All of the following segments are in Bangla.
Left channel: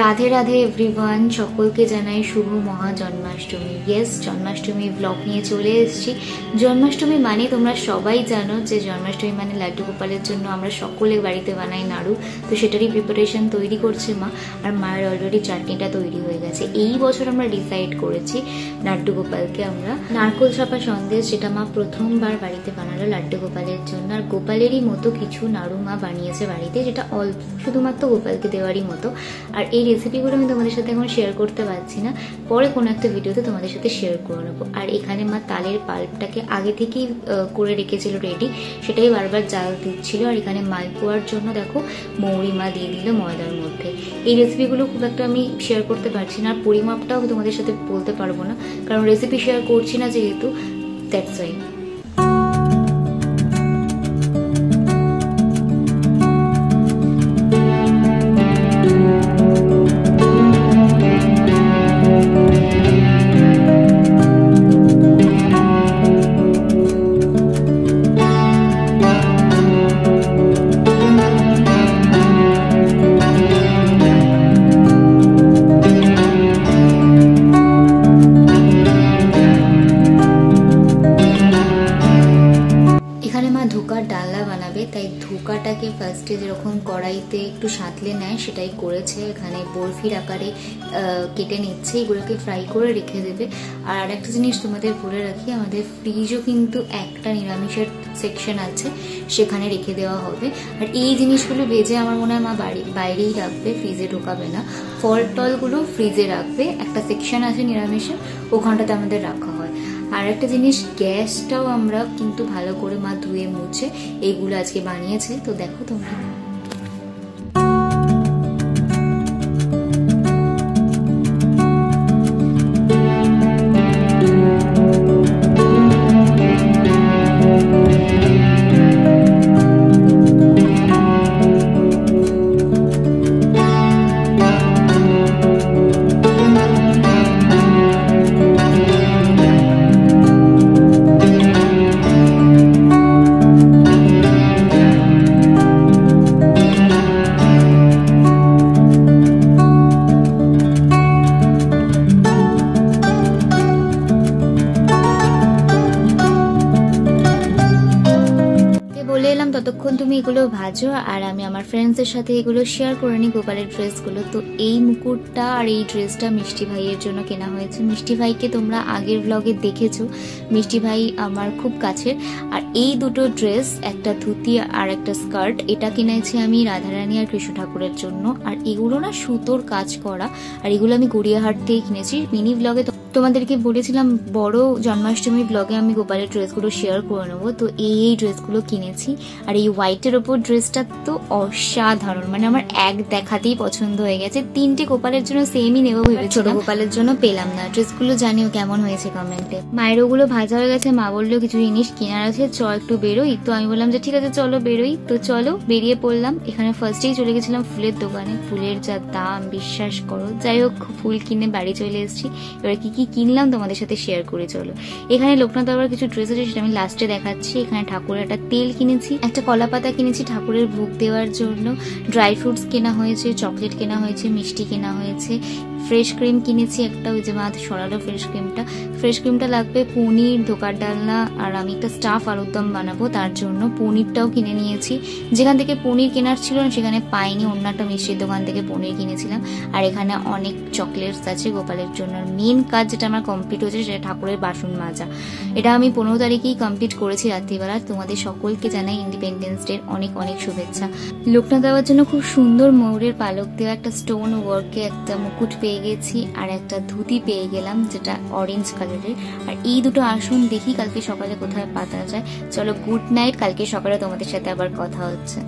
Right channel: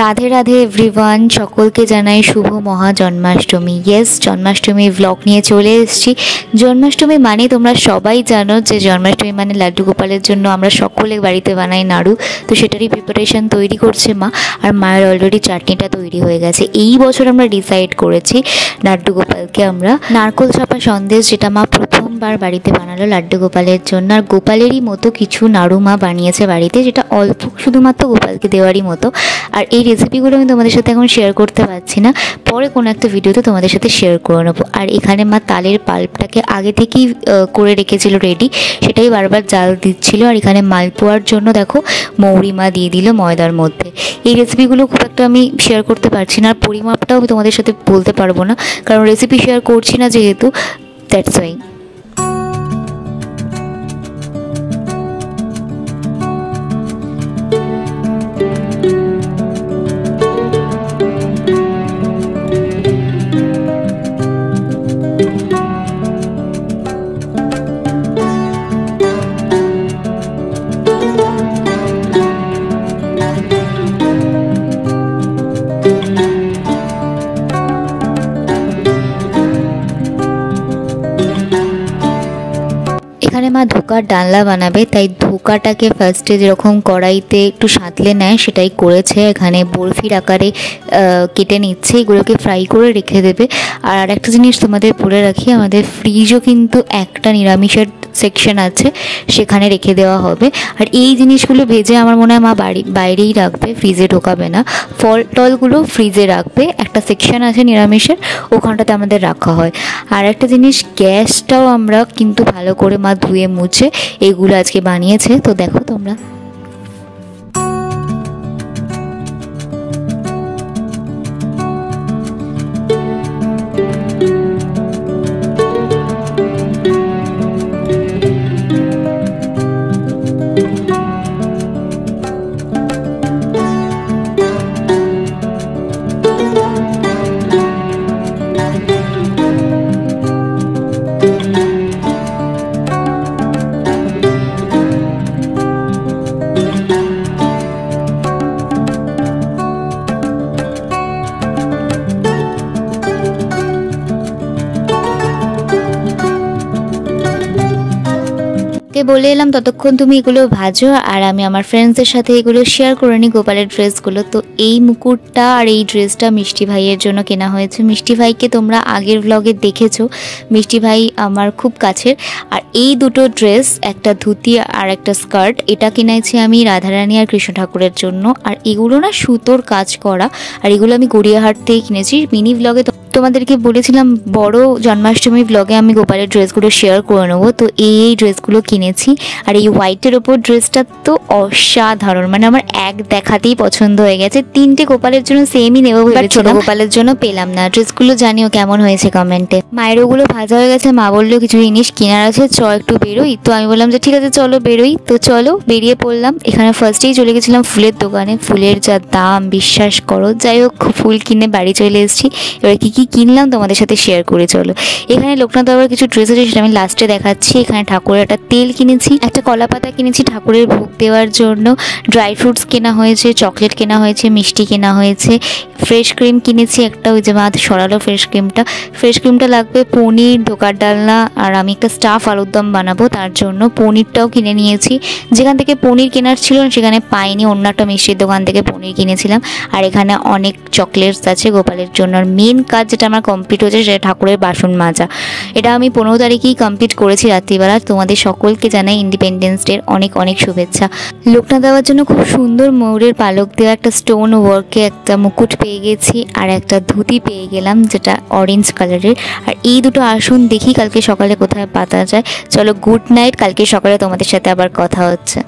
রাধে রাধে এভরিওয়ান, সকলকে জানাই শুভ মহা জন্মাষ্টমী। ইয়েস, জন্মাষ্টমী ব্লগ নিয়ে চলে এসেছি। জন্মাষ্টমী মানে তোমরা সবাই জানো যে জন্মাষ্টমী মানে লাড্ডু গোপালের জন্য আমরা সকলে বাড়িতে বানাই নাড়ু। তো সেটারই প্রিপারেশন তৈরি করছে মা, আর মায়ের অলরেডি চাটনিটা তৈরি হয়ে গেছে। এই বছর আমরা ডিসাইড করেছি লাড্ডু গোপালকে আমরা নারকোল চাপা সন্দেশ, যেটা মা প্রথমবার বাড়িতে বানালো লাড্ডু গোপালের জন্য। আর গোপালেরই মতো কিছু নাড়ু মা বানিয়েছে বাড়িতে, যেটা অল্প শুধুমাত্র গোপালকে দেওয়ারই মতো। আর এই রেসিপিগুলো আমি তোমাদের সাথে এখন শেয়ার করতে পারছি না, পরে কোনো একটা ভিডিওতে তোমাদের সাথে শেয়ার করে নেবো। আর এখানে মা তালের পাল্পটাকে আগে থেকেই করে রেখেছিল রেডি, সেটাই বারবার জাল দিচ্ছিল। আর এখানে মালপোয়ার জন্য দেখো মৌরি মা দিয়ে দিল ময়দার মধ্যে। এই রেসিপিগুলো খুব একটা আমি শেয়ার করতে পারছি না, আর পরিমাপটাও আমি তোমাদের সাথে বলতে পারবো না, কারণ রেসিপি শেয়ার করছি না যেহেতু, দ্যাটস ওয়াই। মা ধোকার ডালনা বানাবে, তাই ধোকাটাকে ফার্স্টে যেরকম কড়াইতে একটু সাঁতলে নেয় সেটাই করেছে। এখানে বরফির আকারে কেটে নিচ্ছে, এগুলোকে ফ্রাই করে রেখে দেবে। আর একটা জিনিস তোমাদের বলে রাখি, আমাদের ফ্রিজও কিন্তু একটা নিরামিষের সেকশন আছে, সেখানে রেখে দেওয়া হবে। আর এই জিনিসগুলো ভেজে আমার মনে হয় মা বাইরেই রাখবে, ফ্রিজে ঢোকাবে না। ফল টলগুলো ফ্রিজে রাখবে, একটা সেকশন আছে নিরামিষের, ওখানটাতে আমাদের রাখা হয়। আর একটা জিনিস, গ্যাসটাও আমরা কিন্তু ভালো করে মা ধুয়ে মুছে এগুলো আজকে বানিয়েছে। তো দেখো তোমরা, বলে এলাম ততক্ষণ তুমি এগুলো ভাজো, আর আমি আমার ফ্রেন্ডসদের সাথে এগুলো শেয়ার করে নিই গোপালের ড্রেসগুলো। তো এই মুকুটটা আর এই ড্রেসটা মিষ্টি ভাইয়ের জন্য কেনা হয়েছে। মিষ্টি ভাইকে তোমরা আগের ব্লগে দেখেছো, মিষ্টি ভাই আমার খুব কাছের। আর এই দুটো ড্রেস, একটা ধুতি আর একটা স্কার্ট, এটা কিনেছি আমি রাধারানী আর কৃষ্ণ ঠাকুরের জন্য। আর এগুলো না সুতোর কাজ করা, আর এগুলো আমি গড়িয়াহাট থেকে কিনেছি। মিনি ব্লগে তোমাদেরকে বলেছিলাম বড় জন্মাষ্টমী ব্লগে আমি গোপালের ড্রেসগুলো শেয়ার করে নেবো। তো এই ড্রেসগুলো কিনেছি। আর এই হোয়াইটের ওপর ড্রেসটা তো অসাধারণ, মানে আমার এক দেখাতেই পছন্দ হয়ে গেছে। তিনটে গোপালের জন্য সেমই নেবো, ছোট গোপালের জন্য পেলাম না। ড্রেসগুলো জানিও কেমন হয়েছে কমেন্টে। মায়ের ওগুলো ভাজা হয়ে গেছে, মা বললো কিছু জিনিস কেনার আছে, একটু বেরোই। তো আমি বললাম যে ঠিক আছে চলো বেরোই। তো চলো বেরিয়ে পড়লাম। এখানে ফার্স্টেই চলে গেছিলাম ফুলের দোকানে। ফুলের যা দাম বিশ্বাস করো। যাই হোক, ফুল কিনে বাড়ি চলে এসেছি। এবার কি কিনলাম তোমাদের সাথে শেয়ার করে চলো। এখানে লোকনাথ বাবার কিছু ড্রেস আছে, সেটা আমি লাস্টে দেখাচ্ছি। এখানে ঠাকুরের একটা তেল কিনেছি, একটা কলা পাতা কিনেছি ঠাকুরের ভোগ দেওয়ার জন্য, ড্রাই ফ্রুটস কেনা হয়েছে, চকলেট কেনা হয়েছে, মিষ্টি কেনা হয়েছে, ফ্রেশ ক্রিম কিনেছি একটা, ওই যে মা সরালো ফ্রেশ ক্রিমটা লাগবে, পনির, ধোকার ডালনা, আর আমি একটা স্টাফ আলুর দম বানাবো তার জন্য পনিরটাও কিনে নিয়েছি। যেখান থেকে পনির কেনার ছিল সেখানে পাইনি, অন্য একটা মিষ্টির দোকান থেকে পনির কিনেছিলাম। আর এখানে অনেক চকলেটস আছে গোপালের জন্য। আর মেন কাজ যেটা আমার কমপ্লিট হয়েছে সেটা ঠাকুরের বাসন মাজা। এটা আমি 15 তারিখেই কমপ্লিট করেছি রাত্রিবেলা। তোমাদের সকলকে জানাই ইন্ডিপেন্ডেন্স ডের অনেক অনেক শুভেচ্ছা। লোকনাথ দেওয়ার জন্য খুব সুন্দর ময়ূরের পালক দেওয়া একটা স্টোন ওয়ার্কে একটা মুকুট পেয়ে গেছি, আর একটা ধুতি পেয়ে গেলাম যেটা অরেঞ্জ কালারের। আর এই দুটো আসন দেখি কালকে সকালে কোথায় পাতা যায়। চলো গুড নাইট, কালকে সকালে তোমাদের সাথে আবার কথা হচ্ছে।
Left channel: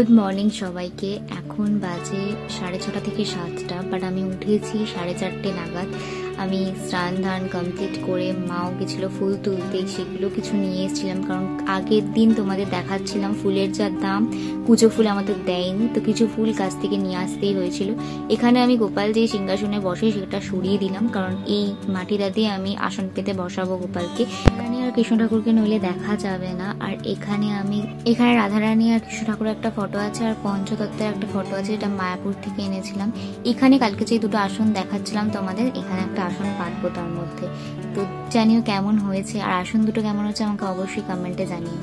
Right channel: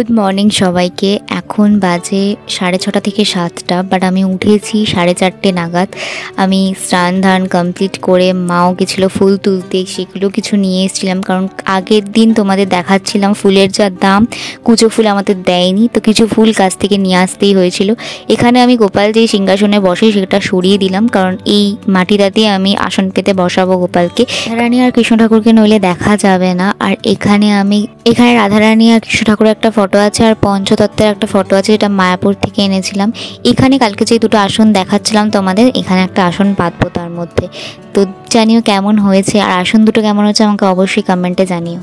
গুড মর্নিং সবাইকে। এখন বাজে 6:30 থেকে 7টা, বাট আমি উঠেছি 4:30 নাগাদ। আমি স্নান ধান কমপ্লিট করে মাও গেছিলো ফুল তুলতে, সেগুলো কিছু নিয়ে এসেছিলাম, কারণ আগের দিন তোমাদের দেখাচ্ছিলাম ফুলের যা দাম, কুচো ফুল আমাদের দেয়নি, তো কিছু ফুল কাছ থেকে নিয়ে আসতেই হয়েছিল। এখানে আমি গোপাল যে সিংহাসনে বসে সেটা সরিয়ে দিলাম, কারণ এই মাটিটা দিয়ে আমি আসন পেতে বসাবো গোপালকে। রাধারানী আর কৃষ্ণ ঠাকুরকে নইলে দেখা যাবে না। আর এখানে রাধারানী আর কৃষ্ণ ঠাকুরের একটা ফটো আছে, আর পঞ্চতত্ত্বের একটা ফটো আছে, যেটা মায়াপুর থেকে এনেছিলাম। এখানে কালকে যে দুটো আসন দেখাচ্ছিলাম তোমাদের, এখানে একটা আসন পাতবো তার মধ্যে। তো জানিও কেমন হয়েছে, আর আসন দুটো কেমন হয়েছে আমাকে অবশ্যই কমেন্টে জানিও।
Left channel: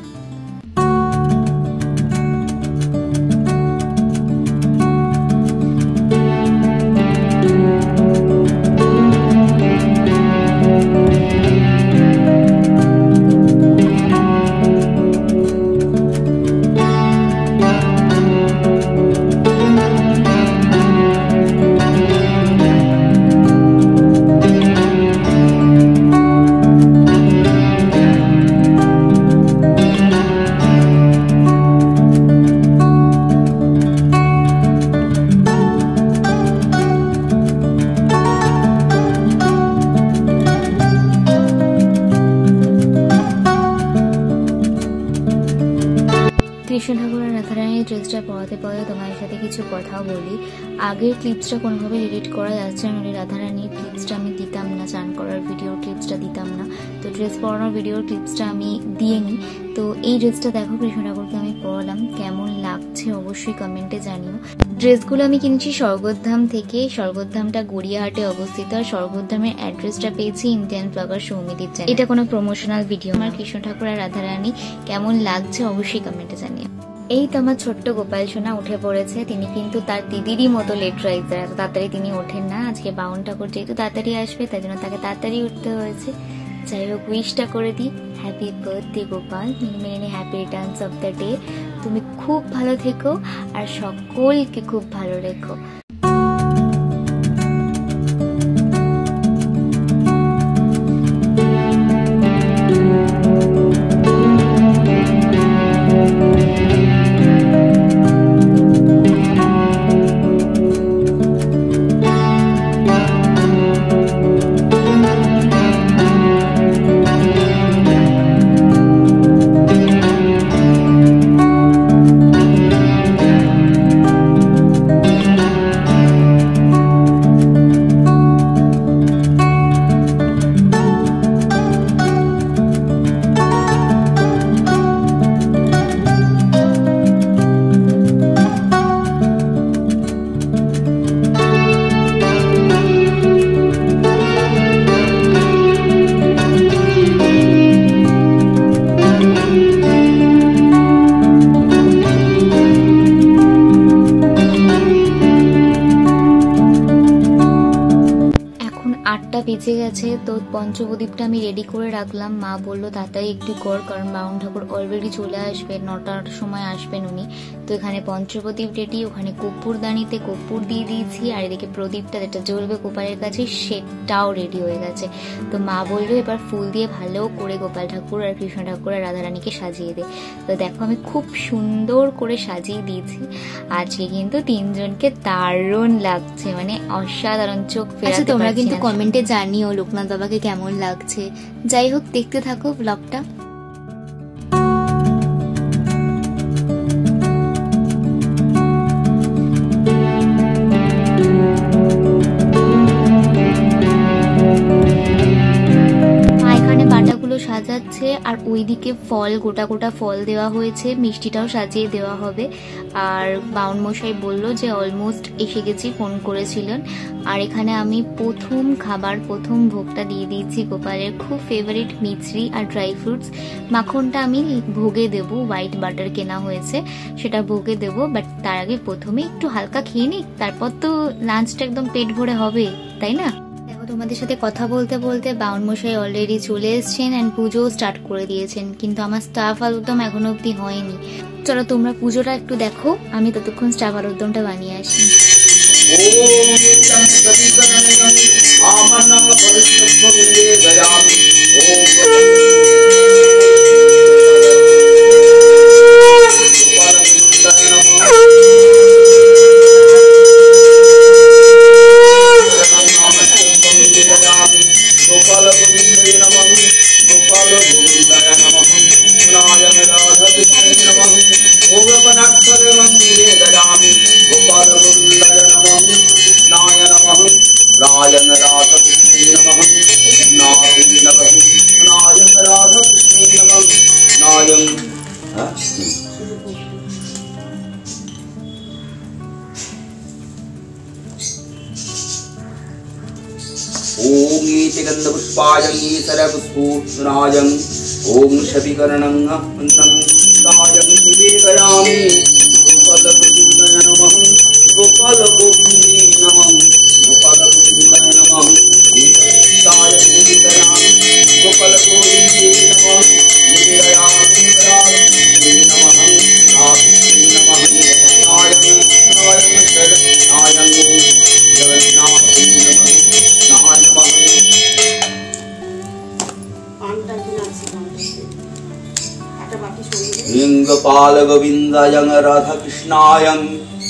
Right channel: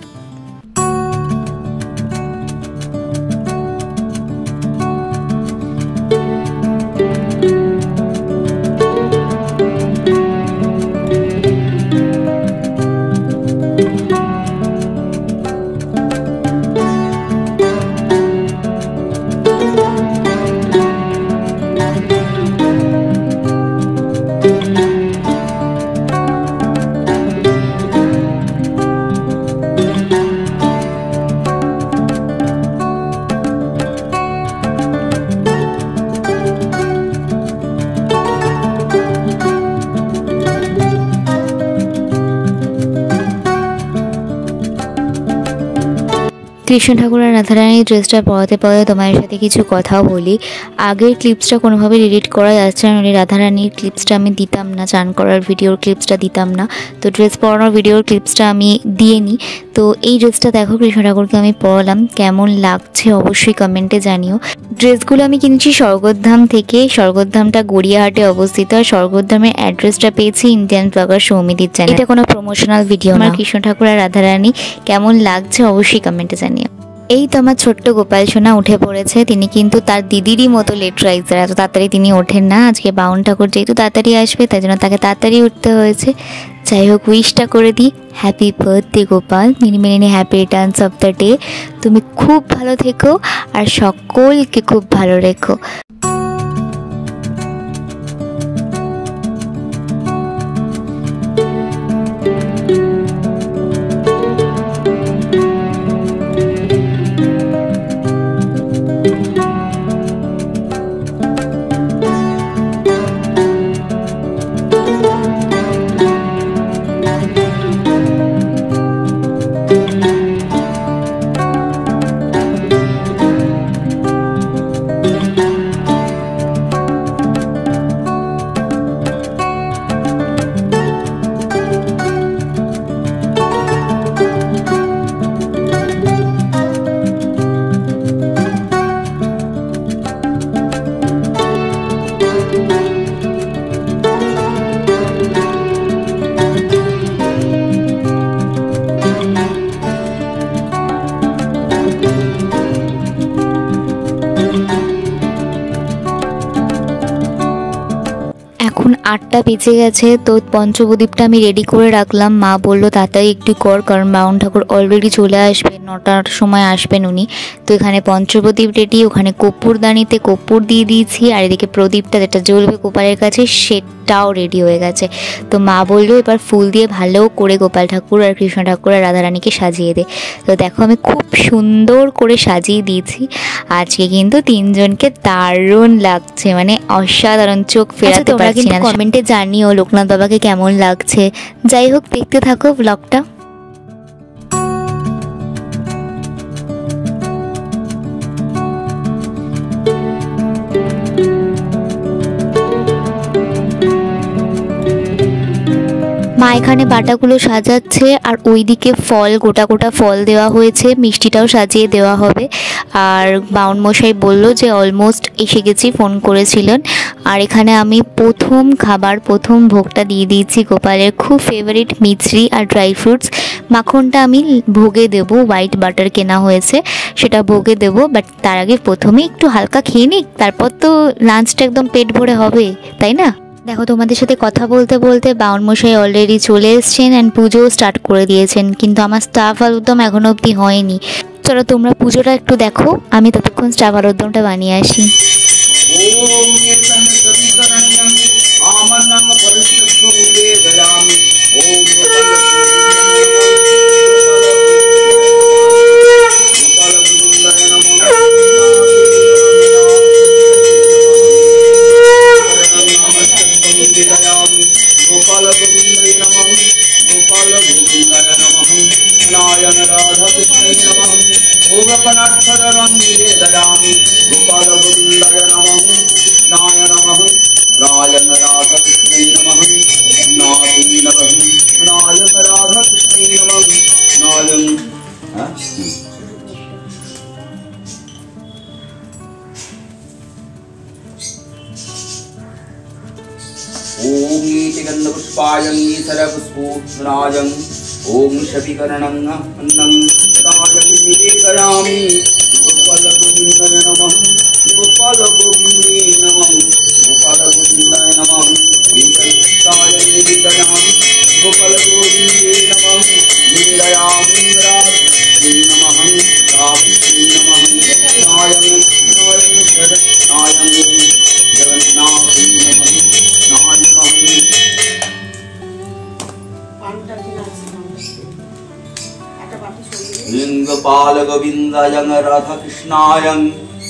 কৃষ্ণ ঠাকুর আর রাধারানীর ড্রেসটা পরাতে পরাতে তোমাদের সাথে কিছু কথাও বলি। আগের ক্লিপসটা কোনোভাবে এডিট করা যাচ্ছে না, রাধারানীর ক্লিপসটা আমি দিতাম না, চান করার ভিডিওর ক্লিপসটা দিতাম না, তো ড্রেস পরানোর ভিডিওর ক্লিপসটা আমি দিয়ে নিই। তো এই ড্রেসটা দেখো কৃষ্ণ ঠাকুরকে আমি পরালাম, কেমন লাগছে অবশ্যই কমেন্টে জানিও। ড্রেসগুলো আমি কিনেছি স্বর্গধাম থেকে, স্বর্গধামটা গড়িয়াহাটে অবস্থিত, আর স্বর্গধামের অ্যাড্রেসটা পেয়েছি ইন্ডিয়ান ব্লগার সৌমিদির চ্যানেল। এটা কোনো প্রমোশনাল ভিডিও না। কৃষ্ণ ঠাকুর আর রাধারানী কেমন লাগছে অবশ্যই কমেন্টে জানিও। এই তো আমার ছোট্ট গোপাল সোনা উঠে পড়েছে। তিনি কিন্তু তার দিদিরই মতো লেট রাইজার, এত তাড়াতাড়ি তিনি ওঠেন না। আজকে বাউন ঠাকুর যেহেতু তাড়াতাড়ি আসবে, তাই জন্য তাকে তাড়াতাড়ি উঠতে হয়েছে। যাই হোক, উইশটা করে দিই, happy birthday Gopal, many many happy Returns of the day. তুমি খুব ভালো থেকো আর সকলকে খুব ভালো রেখো। এখন 8টা বেজে গেছে, তো পঞ্চপ্রদীপটা আমি রেডি করে রাখলাম। মা বললো তাড়াতাড়ি একটু কর, কারণ বাউন ঠাকুর অলরেডি চলে আসবে, 9টার সময় আসবেন উনি। তো এখানে পঞ্চপ্রদীপ রেডি, ওখানে কর্পূরদানিতে কর্পূর দিয়ে দিয়েছি, আর এদিকে প্রদীপটা যেটা জ্বলবে গোপালের কাছে সেটাও রেডি হয়ে গেছে। তো মা বললো এবার ফুল দিয়ে ভালো করে গোপাল ঠাকুর আর কৃষ্ণ ঠাকুর আর রাধারানীকে সাজিয়ে দে। তো দেখো আমি খুব সুন্দর করে সাজিয়ে দিয়েছি। আজকে কিন্তু তিনজনকে দারুণ লাগছে, মানে অসাধারণ, চোখ ফেরাতে পারছি না। কমেন্টে জানিও লোকনাথ বাবাকে কেমন লাগছে। যাই হোক, দেখতে থাকো ব্লগটা। এখানে বাটাগুলো সাজাচ্ছে, আর ওইদিকে ফল, গোটা গোটা ফল দেওয়া হয়েছে, মিষ্টিটাও সাজিয়ে দেওয়া হবে। আর বাউন মশাই বললো যে অলমোস্ট এসে গেছি, ফোন করেছিলেন। আর এখানে আমি প্রথম খাবার, প্রথম ভোগটা দিয়ে দিয়েছি গোপালের খুব ফেভারিট মিছরি আর ড্রাই ফ্রুটস। মাখনটা আমি ভোগে দেবো, হোয়াইট বাটার কেনা হয়েছে, সেটা ভোগে দেবো। বাট তার আগে প্রথমে একটু হালকা খেয়ে নিই, তারপর তো লাঞ্চটা একদম পেট ভরে হবে, তাই না? দেখো তোমাদের সাথে কথা বলতে বলতে বাউন মশাই অলরেডি চলে এসেছেন অ্যান্ড পুজোও স্টার্ট করে দিয়েছেন, কিন্তু আমার স্টাফ আলুরদম এখনো অবধি হয়নি। চলো তোমরা পুজোটা একটু দেখো, আমি ততক্ষণ স্টাফ আলুরদমটা বানিয়ে আসি। ওম गोपनाक्षरमन्दिरे ददामि गोपालगोविन्दाय नमः कृष्णाय नमः नारायण राधाकृष्णे नमः नाथी नमः नारायण राधाकृष्णे नमः नारायण ओम गंधपुष्पायं सरपुष्पोत्सुनायं ओम शतिकर्णं अन्नं सायं निवेदयामि गोपालगोविन्दाय नमः गोपालगोविन्दे नमः गोपालगोविन्दाय नमः सायं निवेदयामि गोपालगोविन्दे नमः निवेदयामि राधे नमः राधे नमः नारायण नारायण शरणायं जगन्नाथ नमः लिंगपाल गोविंदायं राधा कृष्णायं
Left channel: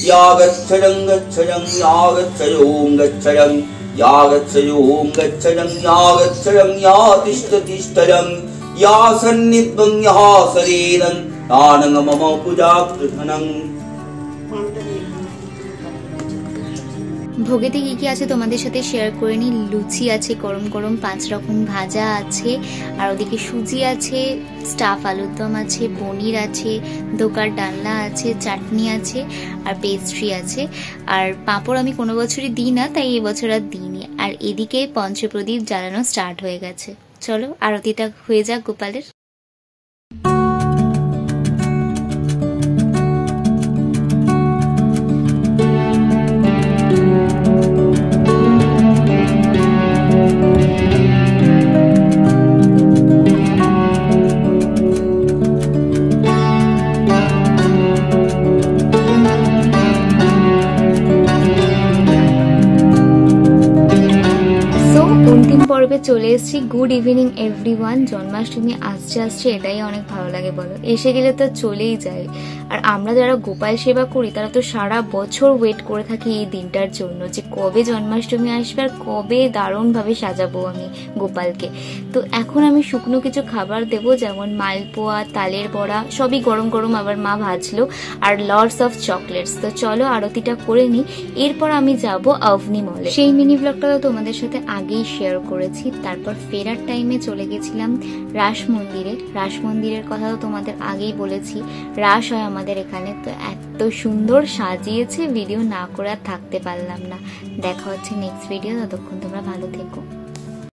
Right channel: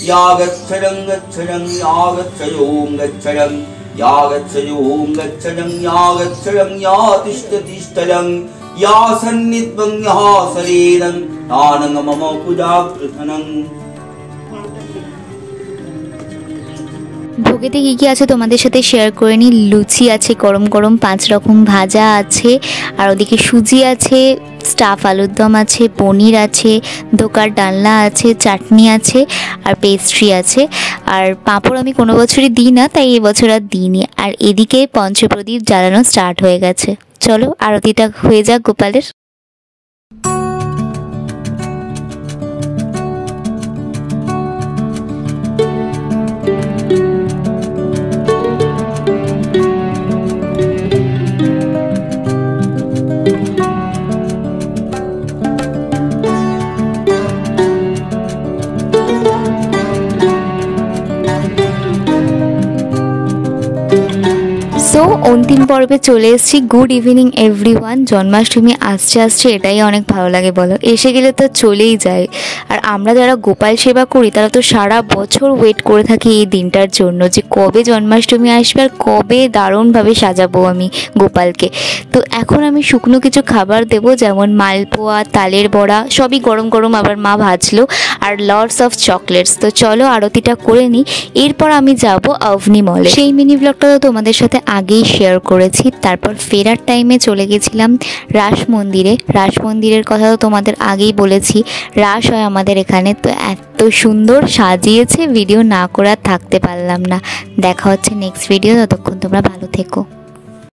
या गच्छयं गच्छयं या गच्छयों गच्छयं या गच्छयों गच्छयं या गच्छयं या तिष्ठतिष्ठयं या सन्निध्वं या शरीरं तानं मम पूजा कृतनं। ভোগেতে কী কী আছে তোমাদের সাথে শেয়ার করে নিই। লুচি আছে গরম গরম, 5 রকম ভাজা আছে, আর ওদিকে সুজি আছে, স্টাফ আলুর দম আছে, পনির আছে, ধোকার ডালনা আছে, চাটনি আছে, আর পেস্ট্রি আছে। আর পাঁপড় আমি কোনো বছরই দিই না, তাই এবছর আর দিইনি। আর এদিকে পঞ্চপ্রদীপ জ্বালানো স্টার্ট হয়ে গেছে। চলো আরতিটা হয়ে যাক গোপালের। অন্তিম পর্বে চলে এসেছি। Good evening everyone. জন্মাষ্টমী আসছে এটাই অনেক ভালো লাগে বলো, এসে গেলে তো চলেই যায়। আর আমরা যারা গোপাল সেবা করি তারা তো সারা বছর ওয়েট করে থাকি এই দিনটার জন্য, যে কবে জন্মাষ্টমী আসবে আর কবে দারুণভাবে সাজাবো আমি গোপালকে। তো এখন আমি শুকনো কিছু খাবার দেবো, যেমন মালপোয়া, তালের বড়া, সবই গরম গরম আবার মা ভাজলো, আর লটস অফ চকলেটস। তো চলো আরতিটা করে নিই, এরপর আমি যাব অভনি মলে। সেই মিনি ব্লগটা তো তোমাদের সাথে আগেই শেয়ার করেছি। তারপর ফেরার টাইমে চলে গেছিলাম রাস মন্দিরে। রাস মন্দিরের কথা তো তোমাদের আগেই বলেছি, রাস হয় আমাদের এখানে। তো এত সুন্দর সাজিয়েছে, ভিডিও না করে থাকতে পারলাম না। দেখা হচ্ছে নেক্সট ভিডিও, ততক্ষণ তোমরা ভালো থেকো।